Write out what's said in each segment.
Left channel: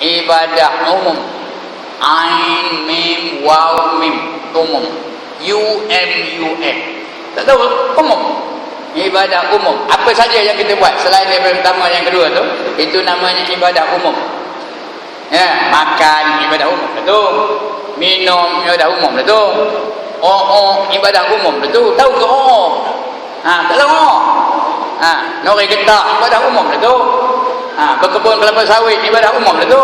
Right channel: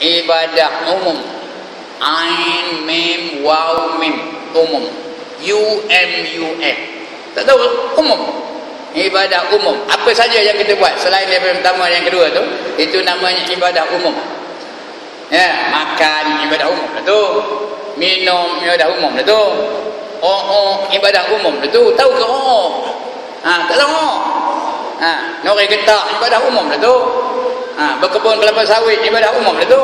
ibadah umum. Ain, mim, waw, mim, umum. UMUM. Tak tahu, umum. Ibadah umum. Apa saja yang kita buat selain daripada pertama yang kedua tu, itu namanya ibadah umum. Ya, makan ibadah umum tu. Minum ibadah umum tu. Ibadah umum tu. Tahu ke tak tahu. Nori getah ibadah umum tu. Berkebun kelapa sawit ibadah umum tu.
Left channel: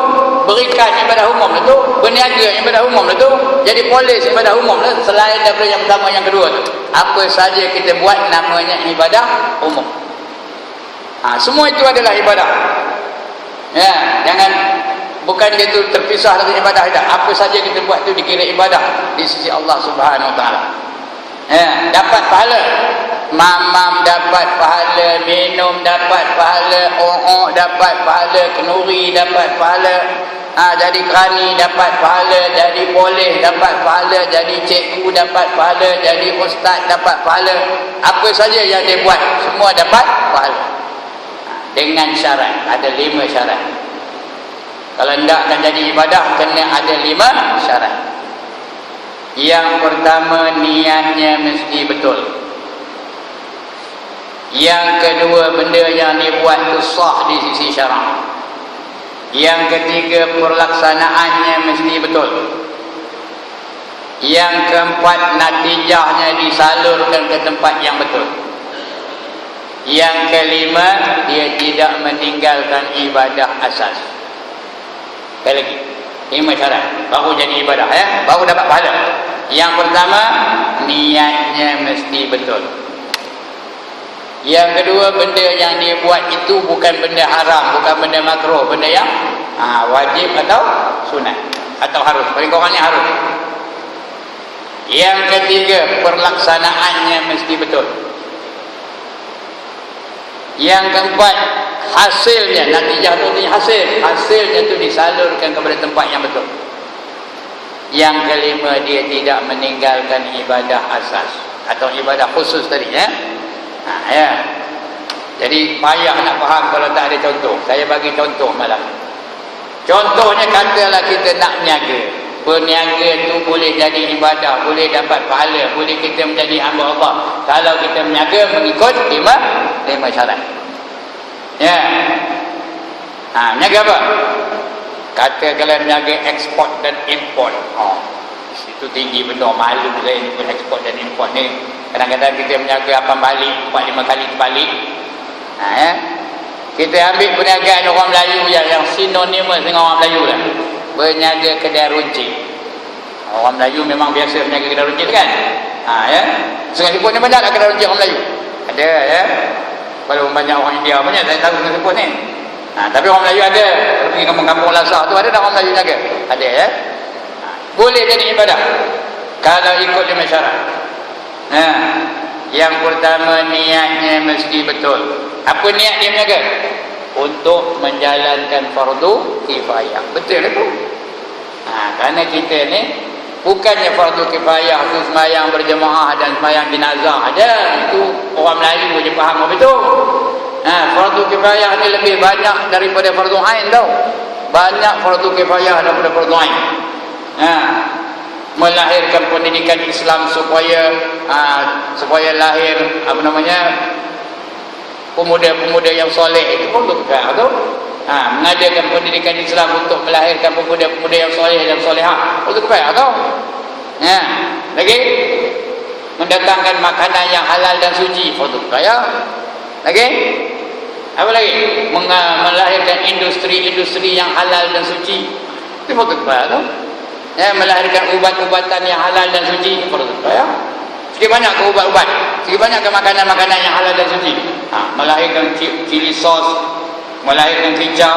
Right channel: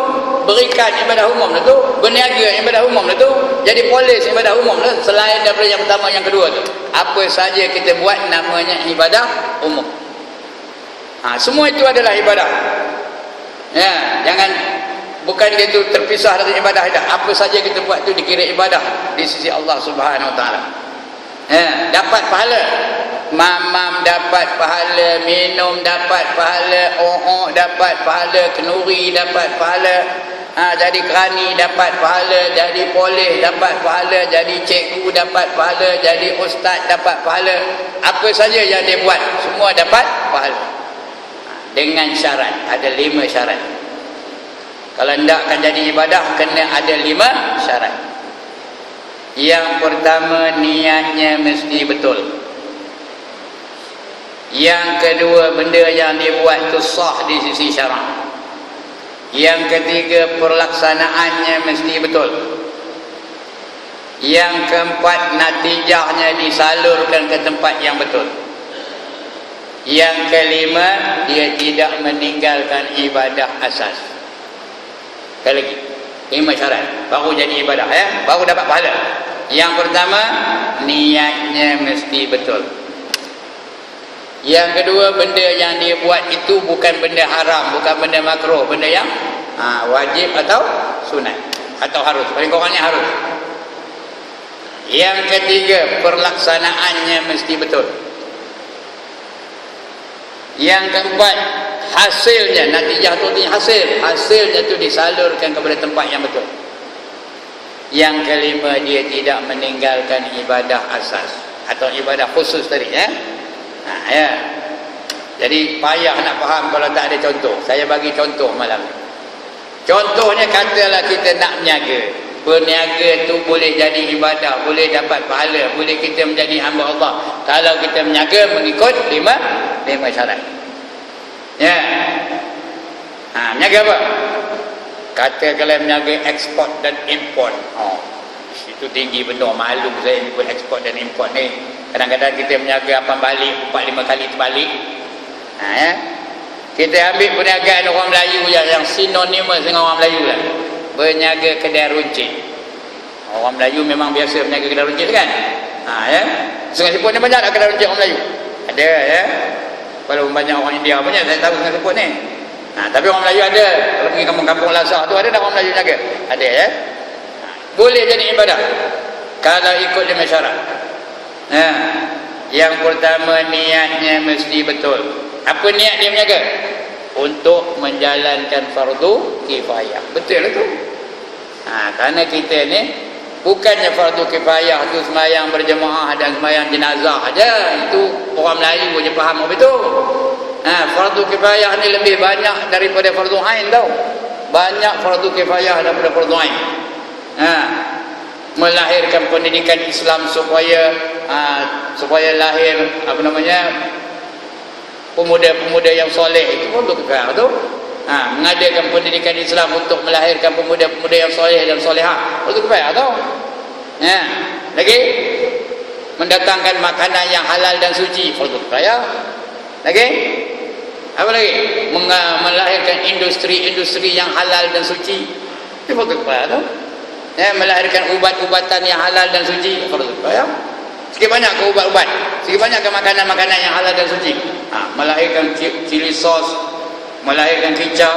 Berikan ibadah umum tu. Berniaga ibadah umum tu. Jadi polis ibadah umum tu. Selain daripada yang pertama yang kedua tu, apa saja kita buat namanya ibadah umum. Semua itu adalah ibadah. Ya, jangan bukan gitu terpisah dari ibadah. Apa saja kita buat tu dikira ibadah di sisi Allah Subhanahu Wa Taala. Ya, dapat pahala. Mamam dapat pahala, minum dapat pahala, dapat pahala, kenuri dapat pahala, jadi kerani dapat pahala, jadi polis dapat pahala, jadi cikgu dapat pahala, jadi ustaz dapat pahala. Apa saja yang dia buat semua dapat pahala. Dengan syarat, ada 5 syarat. Kalau tidak akan jadi ibadah, kena ada 5 syarat. Yang pertama, niatnya mesti betul. Yang kedua, benda yang dibuat itu sah di sisi syarak. Yang ketiga, perlaksanaannya mesti betul. Yang keempat, natijahnya disalurkan ke tempat yang betul. Yang kelima, dia tidak meninggalkan ibadah asas. Sekali lagi, 5 syarat baru jadi ibadah, ya, baru dapat pahala. Yang pertama, niatnya mesti betul. Yang kedua, benda yang dia buat itu bukan benda haram, bukan benda makruh, benda yang wajib atau sunat atau harus, paling kurangnya harus. Yang ketiga, perlaksanaannya mesti betul. Yang keempat, hasilnya, natijah itu hasilnya itu disalurkan kepada tempat yang betul. Yang kelima, dia tidak meninggalkan ibadah asas atau ibadah khusus tadi, ya. Ya. Jadi payah nak faham kalau tak ada contoh. Saya bagi contoh malam. Contohnya, katalah kita nak berniaga. Berniaga tu boleh jadi ibadah, boleh dapat pahala, boleh kita menjadi hamba Allah kalau kita berniaga mengikut 5 syarat. Ya. Berniaga apa? Kata kalau berniaga ekspor dan import. Itu tinggi benar, malu saya ikut ekspor dan import ni. Kadang-kadang kita berniaga apa balik 4-5 kali terbalik. Ya. Kita ambil perniagaan orang Melayu yang sinonima dengan orang Melayu lah. Berniaga kedai runcit. Orang Melayu memang biasa berniaga kedai runcit, kan? Ya. Sungai Siput ni banyak tak kedai runcit orang Melayu? Ada, ya. Kalau banyak orang India banyak, saya tahu Sungai Siput ni. Tapi orang Melayu ada. Kalau pergi kampung-kampung Lasar tu ada tak orang Melayu berniaga? Ada, ya. Boleh jadi ibadah kalau ikut 5 syarat. Yang pertama, niatnya mesti betul. Apa niat dia berniaga? Untuk menjalankan fardu kifayah. Betul lah tu. Kerana kita ni bukannya fardu kifayah tu semayang berjemaah dan semayang jenazah aja. Itu orang Melayu je faham betul. Fardu kifayah ni lebih banyak daripada fardu ain tau. Banyak fardu kifayah daripada fardu ain. Melahirkan pendidikan Islam supaya lahir pemuda-pemuda yang soleh, itu pun kifayah tu. Mengadakan pendidikan Islam untuk melahirkan pemuda-pemuda yang soleh dan solehah, itu kifayah tu. Lagi mendatangkan makanan yang halal dan suci, itu kifayah. Lagi apa lagi? Melahirkan industri-industri yang halal dan suci, itu pun kifayah tu. Melahirkan ubat-ubatan yang halal dan suci, itu kifayah. Sikit banyak ke ubat-ubat, sikit banyak ke makanan-makanan yang halal dan suci. Melahirkan chili sauce, melahirkan kicap,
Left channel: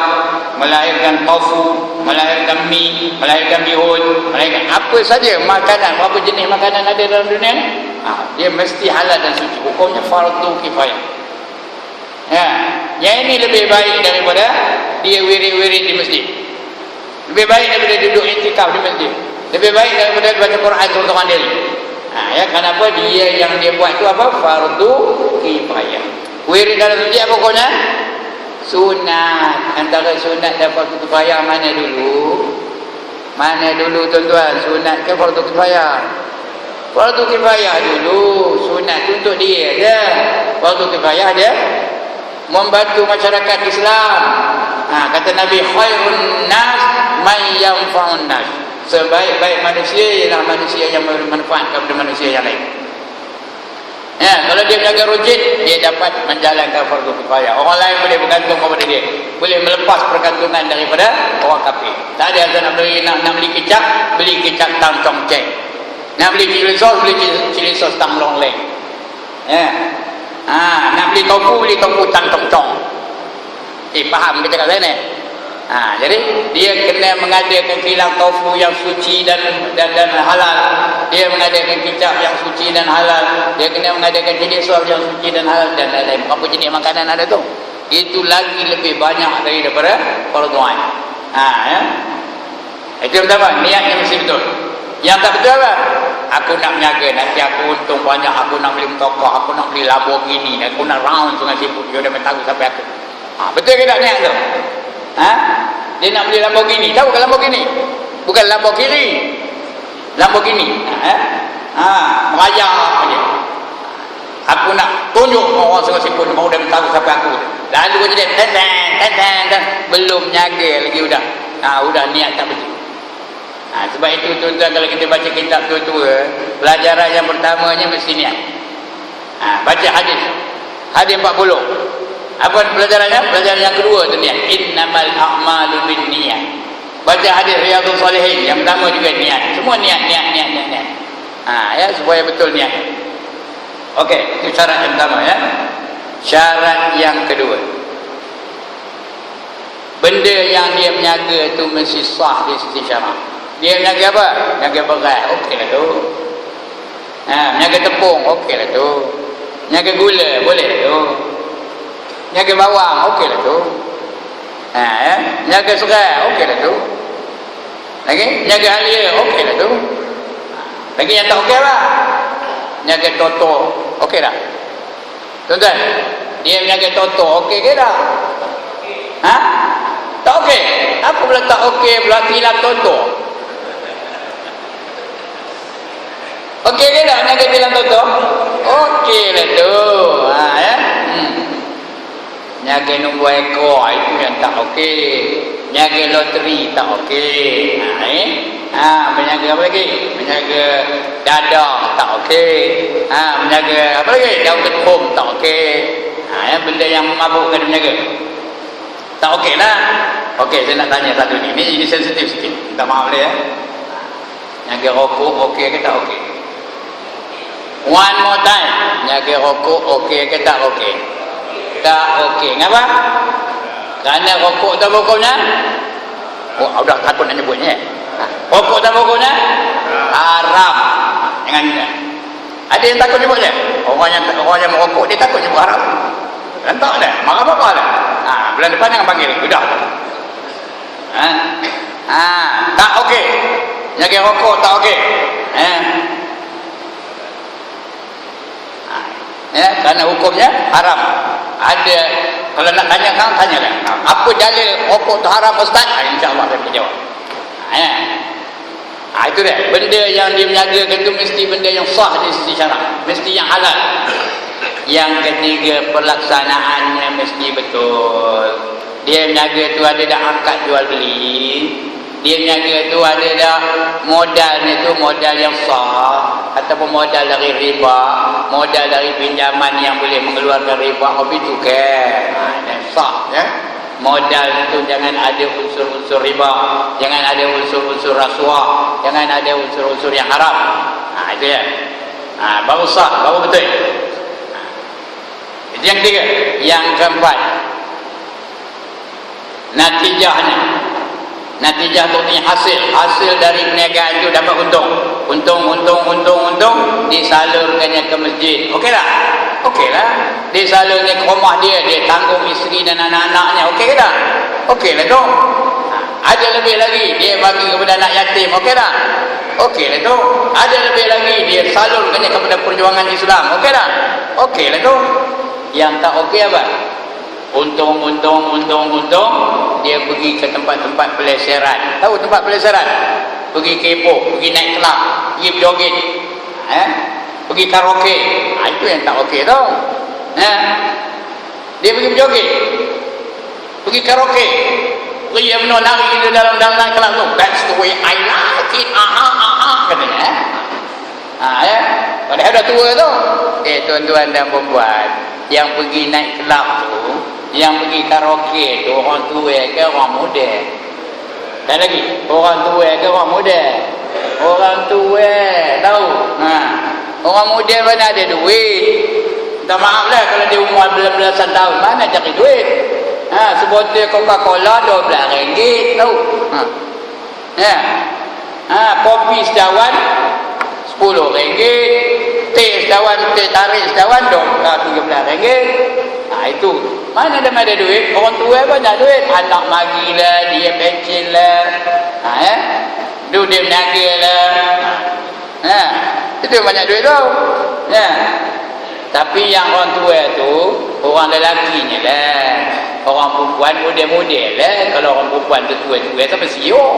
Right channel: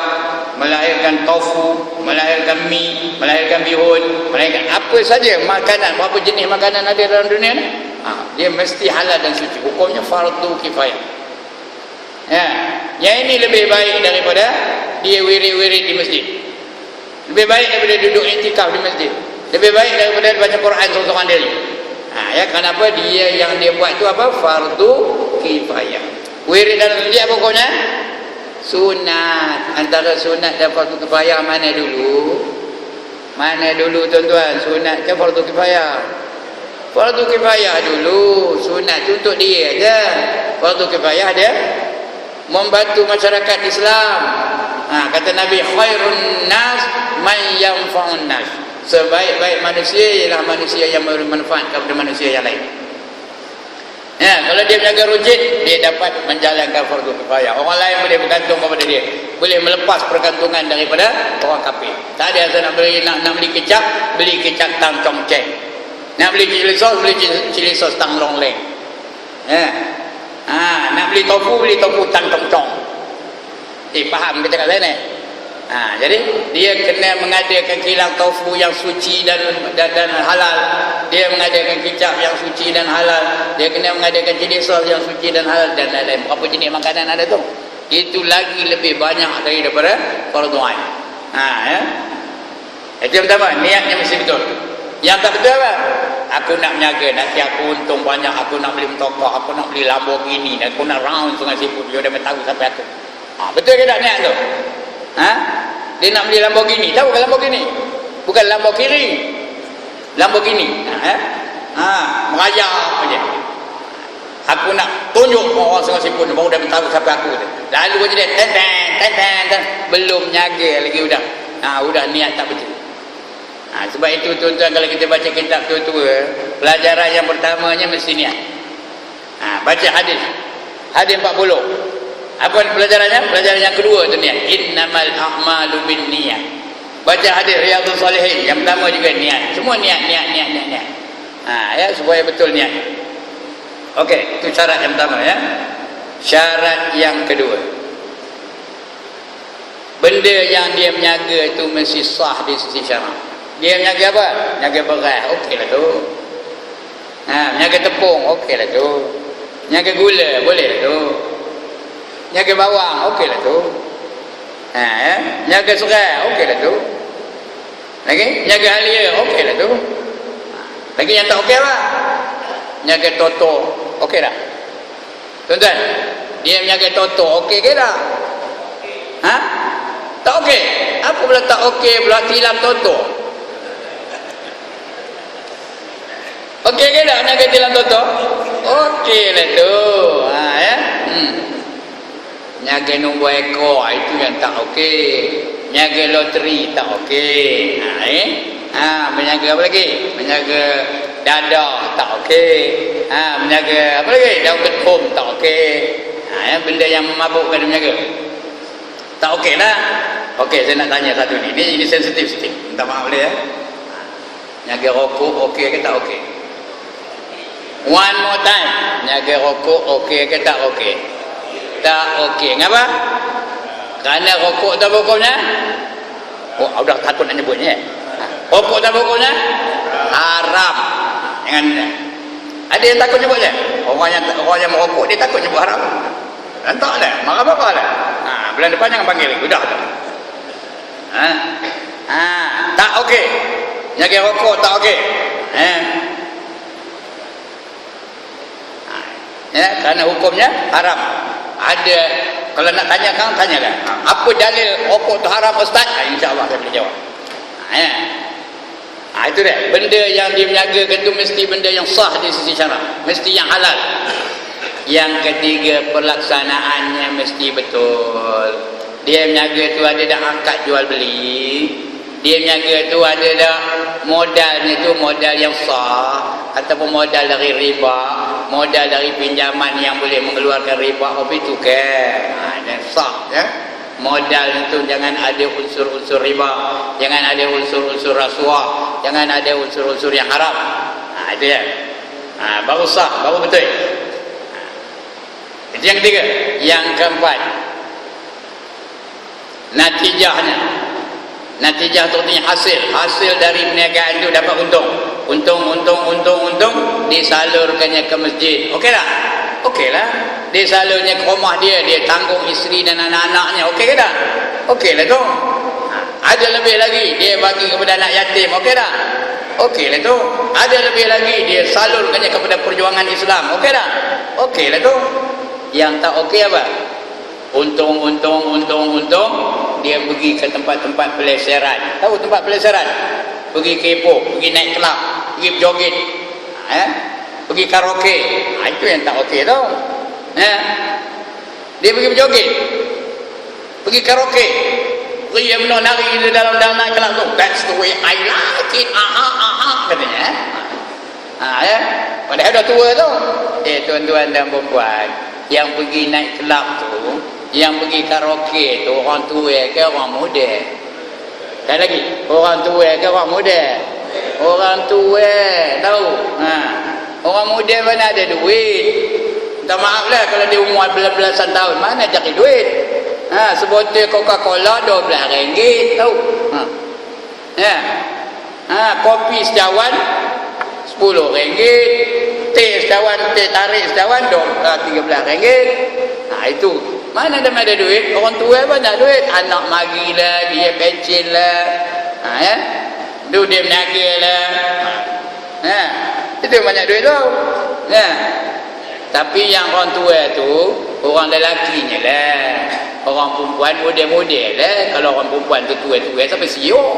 melahirkan tofu, melahirkan mie, melahirkan bihun, melahirkan apa saja makanan, berapa jenis makanan ada dalam dunia ni, dia mesti halal dan suci. Hukumnya fardu kifayah. Yang ini lebih baik daripada dia wirid-wirid di masjid, lebih baik daripada duduk iktikaf di masjid, lebih baik daripada baca Quran seorang diri. Kenapa? Dia yang dia buat tu apa? Fardu kifayah. Wirid dalam masjid apa pokoknya? Sunat, antara sunat dan fardu kifayah mana dulu? Mana dulu tuan-tuan? Sunat ke fardu kifayah? Fardu kifayah dulu. Sunat tu untuk dia je. Fardu kifayah dia membantu masyarakat Islam. Kata Nabi, khairun nas man yanfa'un nas. Sebaik-baik manusia ialah manusia yang bermanfaat kepada manusia yang lain. Kalau dia menjaga rujit, dia dapat menjalankan fardu kifayah. Orang lain boleh bergantung kepada dia, boleh melepas pergantungan daripada orang kafir. Tak ada yang nak beli kecap, beli kecap tang cong ceng. Nak beli cili sos, beli cili sos tang long leng. Nak beli tofu tang cong cong. Faham kita kat sana? Jadi dia kena mengadakan kilang tofu yang suci dan halal. Dia mengadakan kicap yang suci dan halal. Dia kena mengadakan jenis sos yang suci dan halal dan lain-lain. Berapa jenis makanan ada tu? Itu lagi lebih banyak daripada fardu ain. Itu yang pertama, niatnya mesti betul. Yang tak betul apa? Aku nak menjaga, nanti aku untung banyak, aku nak beli motor, aku nak beli Lamborghini, aku nak round Sungai Siput, dia dah tahu sampai aku. Betul ke tak niat tu? Dia nak beli Lamborghini. Tahu kan Lamborghini? Bukan Lamborghini. Lamborghini. Merayap aja. Aku nak tunjuk orang Sungai Siput baru dia tahu siapa aku. Lalu dia ten. Belum nyaga lagi udah. Udah niat tak betul. Sebab itu tuan-tuan, kalau kita baca kitab tua-tua, pelajaran yang pertamanya mesti niat. Baca hadis. Hadis 40. Apa pelajarannya? Pelajaran yang kedua tu niat. Innamal a'malu binniyat. Baca hadis Riyadhus Shalihin, yang pertama juga niat. Semua niat. Supaya betul niat. Okey, itu syarat yang pertama ya. Syarat yang kedua, benda yang dia menjaga itu mesti sah di sisi syarak. Dia menjaga apa? Menjaga beras, okeylah tu. Menjaga tepung, okeylah tu. Menjaga gula, boleh tu. Menjaga bawang, okeylah tu. Menjaga serai, okeylah tu. Lagi? Menjaga halia, okeylah tu. Lagi yang tak okey apa? Menjaga toto, okey tak? Tuan-tuan, dia menjaga toto, okey ke tak? Tak okey? Apa pula tak okey pula tilam toto? Okey ke tak menjaga tilam toto? Okey lah tu. Menjaga nombor ekor, itu yang tak okey. Menjaga loteri tak okey. Menjaga apa lagi? Menjaga dadah tak okey. Menjaga apa lagi? Daun ketum tak okey. Benda yang memabukkan menjaga tak okey lah. Okey, saya nak tanya satu ni. Ini sensitif sikit. Minta maaf boleh ya. Menjaga rokok okey ke tak okey? One more time. Menjaga rokok okey ke tak okey? Tak okey. Kenapa? Kerana rokok dan rokoknya udah takut nak nyebutnya. Rokok dan rokoknya haram. Jangan ingat. Ada yang takut nyebutnya? Orang yang merokok dia takut nyebut haram. Tak ada. Marah-marah lah. Bulan depan jangan panggil. Sudah. Tak okey. Jaga rokok tak okey. Kerana hukumnya haram. Ada, kalau nak tanyakan, tanyakan. Apa dalil rokok tu haram Ustaz? InsyaAllah saya boleh jawab. Itu dia. Benda yang dia menjagakan itu mesti benda yang sah di sisi syarak. Mesti yang halal. Yang ketiga, pelaksanaannya mesti betul. Dia menjaga itu ada dah angkat jual beli. Dia menjaga itu ada dah modalnya itu modal yang sah. Ataupun modal dari riba. Modal dari pinjaman yang boleh mengeluarkan riba. Apa itu kan? Yang sah ya. Modal itu jangan ada unsur-unsur riba. Jangan ada unsur-unsur rasuah. Jangan ada unsur-unsur yang haram. Itu ya. Baru sah, baru betul. Itu yang ketiga. Yang keempat, natijahnya. Natijah itu artinya hasil dari perniagaan itu dapat untung disalurkannya ke masjid. Okey tak? Okey lah. Disalurnya ke rumah dia tanggung isteri dan anak-anaknya. Okey ke tak? Okey lah tu. Ada lebih lagi dia bagi kepada anak yatim. Okey tak? Okey lah tu. Ada lebih lagi dia salurkannya kepada perjuangan Islam. Okey tak? Okey lah tu. Yang tak okey apa? Untung, dia pergi ke tempat-tempat peleseran. Tahu tempat peleseran? Pergi kepo, pergi naik kelab, pergi joget, pergi karaoke. Itu yang tak okey tau. Dia pergi berjoget, pergi karaoke, pergi benar nari di dalam naik kelab tu. That's the way I like it. Katanya. Padahal dah tua tu. Tuan-tuan dan puan, yang pergi naik kelab tu, yang pergi karaoke tu orang tua ke orang muda? Sekali lagi, orang tua ke orang muda? Orang tua, tahu? Orang muda mana ada duit? Minta maaf lah kalau dia umur belasan tahun, mana cari duit? Sebotol Coca-Cola RM12, tahu? Kopi secawan RM10, teh secawan, teh tarik secawan RM13. Itu mana dah ada duit? Orang tua pun ada duit. Anak magi lah, dia pencen lah, tu dia meniaga lah, itu banyak duit tau. Tapi yang orang tua tu orang lelakinya lah, orang perempuan muda-muda lah. Kalau orang perempuan tu tua-tua sampai siok.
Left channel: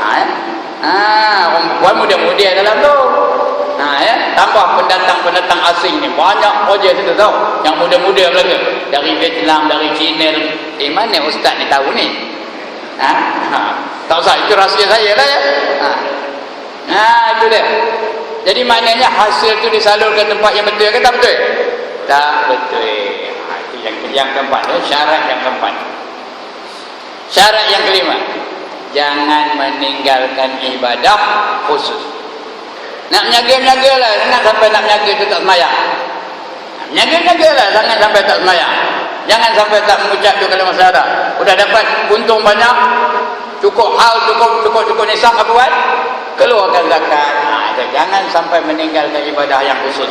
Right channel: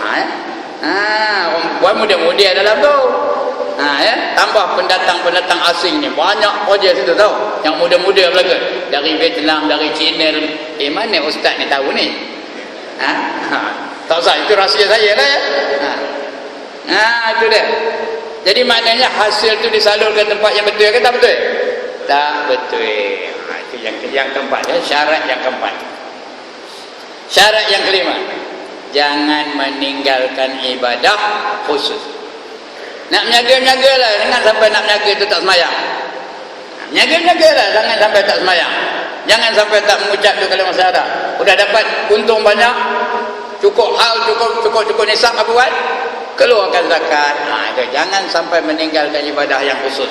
Orang perempuan muda-muda dalam tu. Tambah pendatang asing ni banyak projek situ tau, yang muda-muda lagi dari Vietnam, dari China. Mana ustaz ni tahu ni? Tak usah, itu rahsia saya lah ya. Itu dia. Jadi maknanya hasil tu disalur ke tempat yang betul ke tak betul? Tak betul. Itu yang keempat, syarat yang keempat. Syarat yang kelima, jangan meninggalkan ibadah khusus. Nak menjaga-menjaga lah, jangan sampai nak menjaga tu tak semayang. Menjaga-menjaga lah, jangan sampai tak semayang. Jangan sampai tak mengucap tu kalimah syahadah. Udah dapat untung banyak, cukup hal, cukup nisab, apa buat? Keluarkan zakat. Jangan sampai meninggalkan ibadah yang khusus.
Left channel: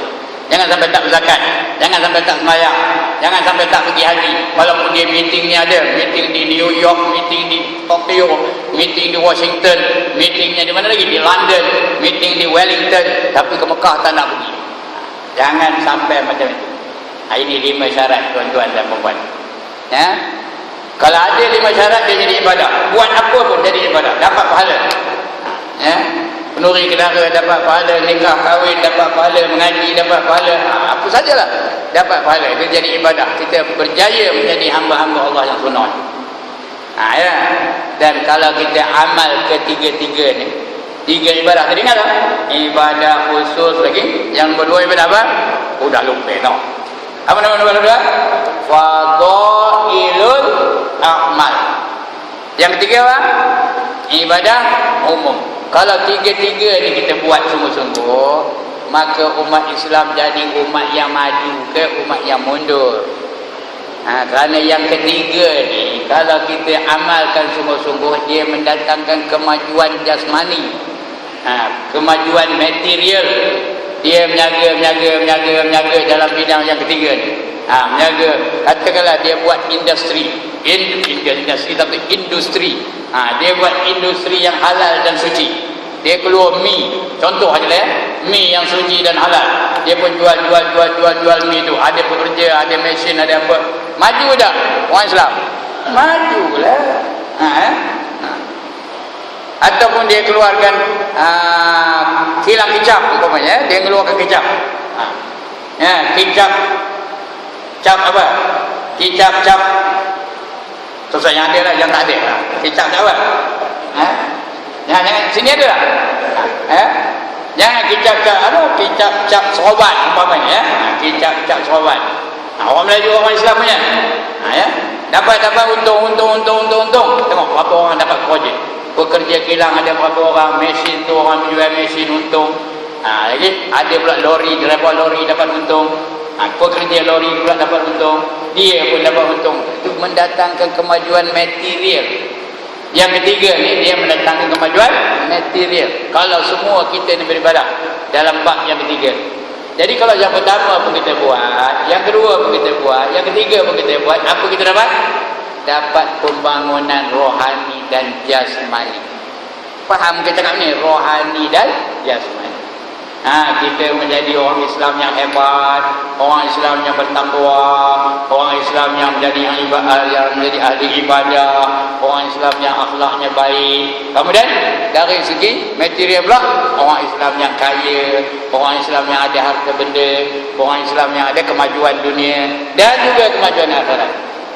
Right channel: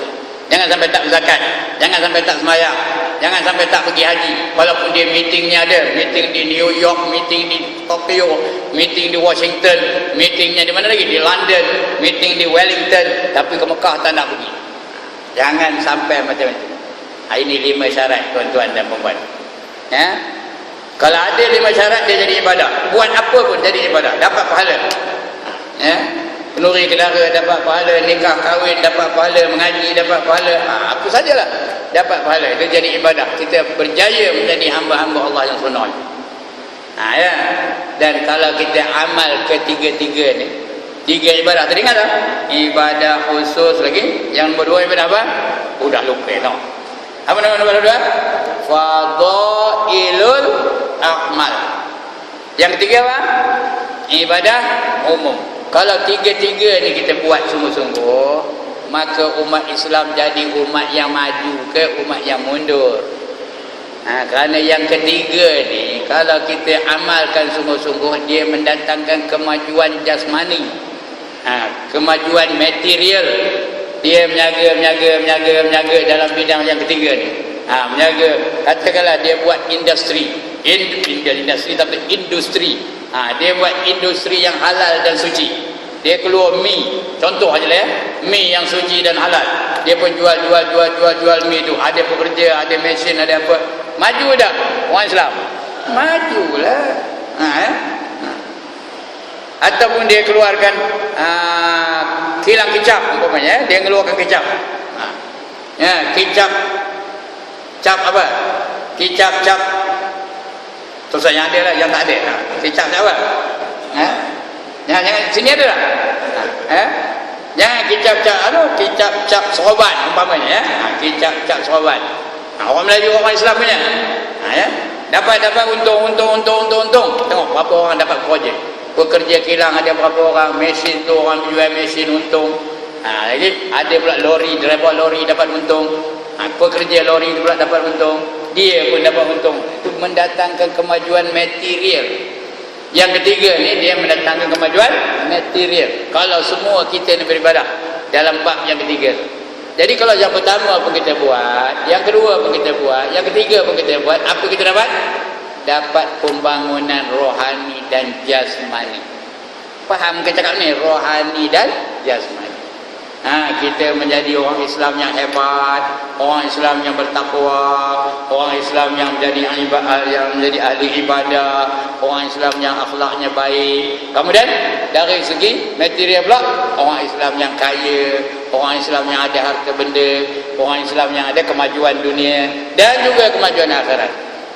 Jangan sampai tak berzakat, jangan sampai tak semayang, jangan sampai tak pergi haji. Walaupun dia meetingnya ada, meeting di New York, meeting di Tokyo, meeting di Washington, meetingnya di mana lagi? Di London, meeting di Wellington, tapi ke Mekah tak nak pergi. Jangan sampai macam itu. Ini 5 syarat tuan-tuan dan puan-puan. Kalau ada 5 syarat, dia jadi ibadah. Buat apa pun jadi ibadah, dapat pahala. Penuri kenara dapat pahala, nikah kahwin dapat pahala, mengaji dapat pahala, apa sajalah dapat pahala. Dia jadi ibadah, kita berjaya menjadi hamba-hamba Allah yang sunat. Dan kalau kita amal ketiga-tiga ni, 3 ibadah tadi ingat tak? Ibadah khusus lagi. Yang nombor 2 ibadah apa? Udah lupa tau. Apa nama ibadah? Fadailul a'mal. Yang ketiga apa? Ibadah umum. Kalau 3-3 ni kita buat sungguh-sungguh, maka umat Islam jadi umat yang maju ke umat yang mundur. Kerana yang ketiga ni, kalau kita amalkan sungguh-sungguh, dia mendatangkan kemajuan jasmani, kemajuan material. Dia menjaga dalam bidang yang ketiga ni. Menjaga, katakanlah dia buat industri, tapi industri. Dia buat industri yang halal dan suci. Dia keluar mi, contoh aja lah ya, mi yang suci dan halal. Dia pun jual mi tu. Ada pekerja, ada mesin, ada apa. Maju tak orang Islam? Majulah. Ataupun dia keluarkan kilang kicap umpamanya, dia keluarkan kicap. Kicap cap apa? Kicap cap. Susah yang ada lah, yang tak ada. Kicap apa? Jangan sini ada lah. Jangan kicap cap seroban umpamanya ya. Kicap cap seroban. Orang Melayu, orang Islam punya. Dapat untung. Tengok berapa orang dapat projek. Pekerja kilang ada berapa orang, mesin tu orang jual mesin untung. Lagi ada pula lori, driver lori dapat untung. Pekerja lori pula dapat untung, dia pun dapat untung. Itu mendatangkan kemajuan material. Yang ketiga ni, dia mendatangkan kemajuan material. Kalau semua kita ni beribadah dalam bab yang ketiga. Jadi kalau yang pertama pun kita buat, yang kedua pun kita buat, yang ketiga pun kita buat, apa kita dapat? Dapat pembangunan rohani dan jasmani. Faham ke cakap ni? Rohani dan jasmani. Kita menjadi orang Islam yang hebat, orang Islam yang bertakwa, orang Islam yang menjadi ahli ibadah, orang Islam yang akhlaknya baik. Kemudian dari segi material pula, orang Islam yang kaya, orang Islam yang ada harta benda, orang Islam yang ada kemajuan dunia dan juga kemajuan akhirat.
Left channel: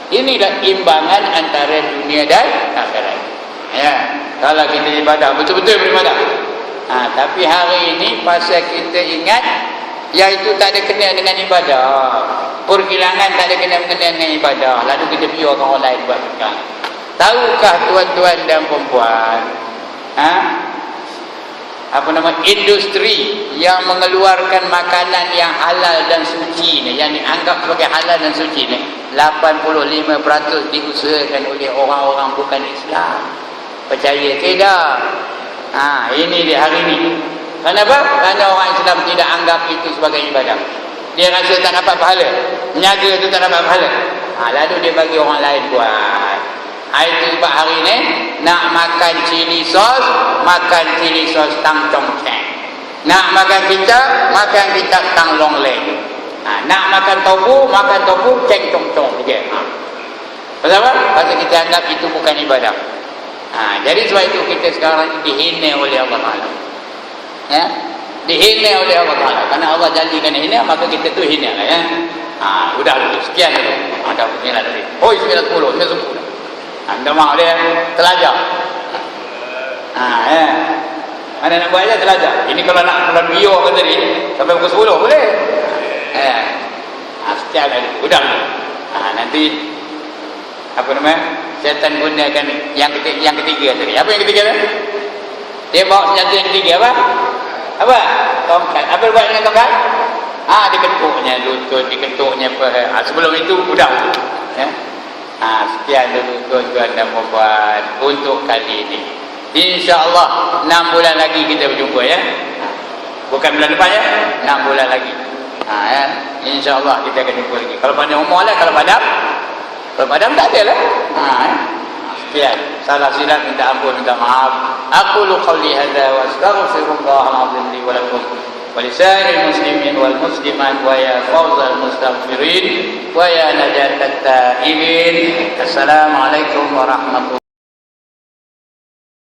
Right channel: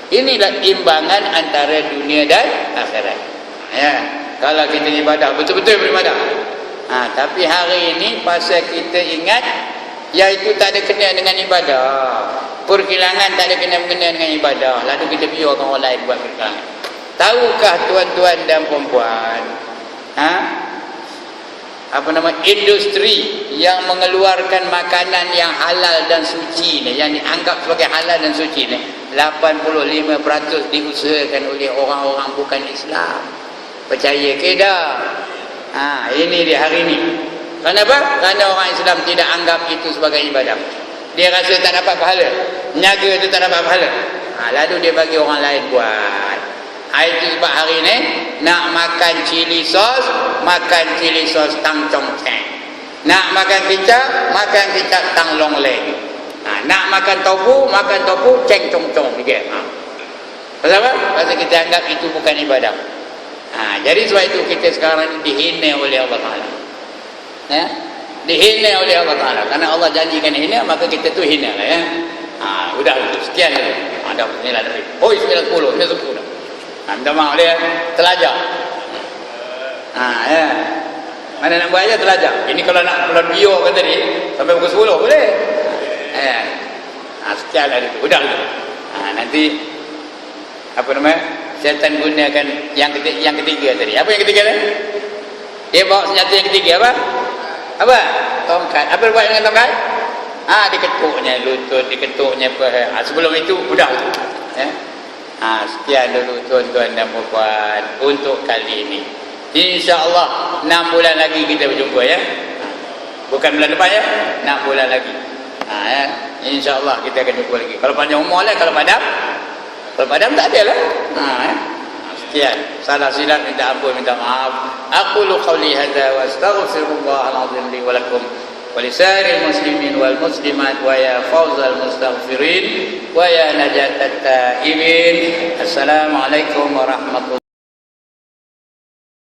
Inilah imbangan antara dunia dan akhirat. Kalau kita ibadah, betul-betul beribadah. Tapi hari ini pasal kita ingat iaitu tak ada kena dengan ibadah, perkilangan tak ada kena dengan ibadah, lalu kita biarkan orang lain buat perkilangan. Tahukah tuan-tuan dan puan-puan, industri yang mengeluarkan makanan yang halal dan suci ni, yang dianggap sebagai halal dan suci ni, 85% diusahakan oleh orang-orang bukan Islam. Percaya ke tak? Ini di hari ini. Kenapa? Kerana orang Islam tidak anggap itu sebagai ibadah. Dia rasa tak dapat pahala. Niaga itu tak dapat pahala. Lalu dia bagi orang lain buat. Itu sebab hari ini nak makan cili sos tang chong cheng. Nak makan kicap tang long leng. Nak makan tofu ceng chong chong juga. Kenapa? Pasal kita anggap itu bukan ibadah. Jadi sebab itu kita sekarang dihina oleh Allah Ta'ala. Dihina oleh Allah Ta'ala. Karena Allah janjikan hina, maka kita tu hina. Udah sekian dulu. Ada 9 lagi. 9, 10, 10. Minta maaf dia telajar. Mana nak buat je telajar. Ini kalau nak bulan biar kan tadi, sampai pukul 10 boleh. Sekian dulu. Udah dulu. Nanti syaitan gunakan yang ketiga tadi. Apa yang ketiga tu? Dia bawa senjata yang ketiga apa? Tongkat. Apa buat dengan tongkat? Diketuknya lutut, diketuknya paha. Sebelum itu udah tu. Sekian dulu tuan-tuan dan puan untuk kali ini. InsyaAllah 6 bulan lagi kita berjumpa ya. Bukan bulan depan ya. 6 bulan lagi. InsyaAllah kita akan jumpa lagi. Kalau panjang umur lah, kalau padam tak ada lah. Sekian. Salah silap minta ampun, minta maaf. Aqulu qawli hadza wa astaghfirullahal azim li wa lakum wa lisa'iril muslimin wal muslimat wa ya fawzal mustaghfirin wa ya najatat taibin. Assalamualaikum warahmatullahi